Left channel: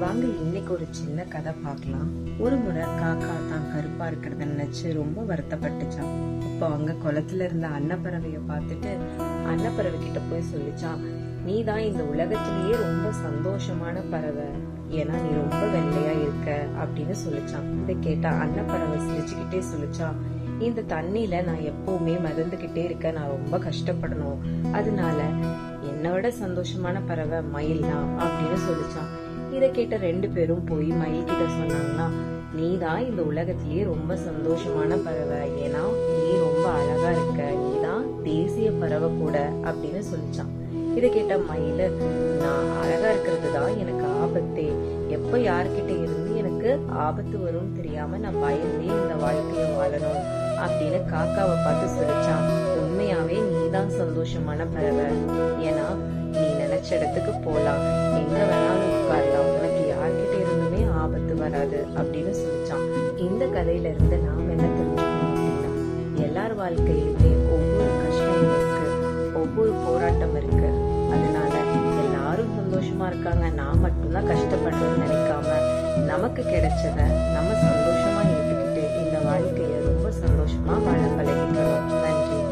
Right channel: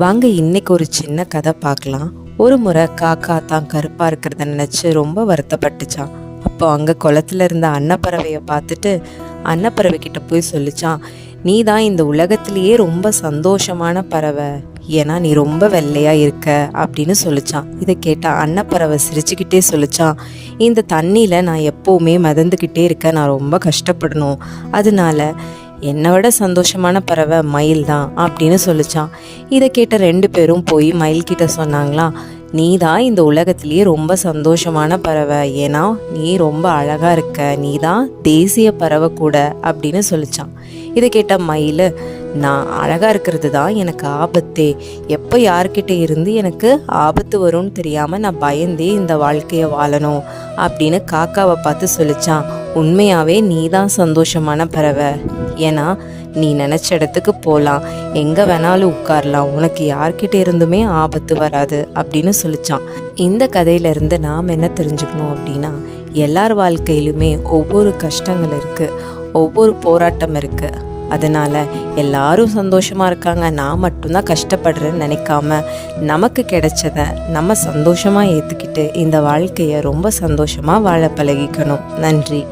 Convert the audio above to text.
வாங்க இன்னைக்கு ஒரு சின்ன கதை பார்க்கலாம். ஒரு முறை காக்கா தான் கருப்பா இருக்கிறத நினைச்சு ரொம்ப வருத்தப்பட்டுச்சான். அப்போ அங்க குளத்துல இருந்த அன்னப்பறவையை பார்த்துட்டு அன்னப்பறவை கிட்ட போய் சொல்லிச்சான், நீ தான் இந்த உலகத்திலேயே ரொம்ப சந்தோஷமான பறவை, ஏன்னா நீ ரொம்ப வெள்ளையா இருக்க அப்படின்னு சொல்லிச்சான். இதை கேட்டா அன்னப்பறவை சிரிச்சுக்கிட்டே சொல்லிச்சான், இந்த தண்ணியில நான் எப்பவுமே மிதந்துக்கிட்டே இருக்க, நான் ரொம்ப கஷ்டப்படணும், அதனால என்னை விட சந்தோஷமான பறவை மயில் தான் அப்படின்னு சொல்லிச்சான். இதை கேட்ட ரெண்டு பேரும் போய் மயில் கிட்ட சொன்னாங்களாம், நீ தான் இந்த உலகத்திலேயே ரொம்ப சந்தோஷமான பறவை, ஏன்னா நீ ரொம்ப அழகா இருக்க, நீ தான் தேசிய பறவை கூட அப்படின்னு சொல்லிச்சான். இதை கேட்ட மயில், நான் அழகா இருக்கிறது தான் எனக்கு ஆபத்தே, எப்போ யார்கிட்ட இருந்து எனக்கு ஆபத்து வரும்னு தெரியாம நான் பயந்தே இந்த வாழ்க்கையை வாழணும் அப்படின்னு காக்காவை பார்த்து சொல்லிச்சான். உண்மையாவே நீ தான் சந்தோஷமான பறவை, ஏன்னா நீ நினைச்ச இடத்துக்கு போகலாம், எங்க வேணாலும் உட்காரலாம், உனக்கு யார்கிட்ட இருந்துமே ஆபத்து வராது அப்படின்னு சொல்லிச்சான். இந்த கதையில இருந்து நாம் என்ன தெரிஞ்சுக்கணும் அப்படின்னா, எல்லார் வாழ்க்கையிலுமே ஒவ்வொரு கஷ்டங்கள் இருக்கு, ஒவ்வொரு போராட்டம் இருக்கு. அதனால எல்லாரும் சந்தோஷமா இருக்காங்க, நான் மட்டும்தான் கஷ்டப்படுறேன்னு நினைக்காம நமக்கு கிடைச்சத நம்ம சந்தோஷமா ஏத்துக்கிட்டு இந்த வாழ்க்கையை ரொம்ப சந்தோஷமா வாழ பழகிக்கணும். நன்றி.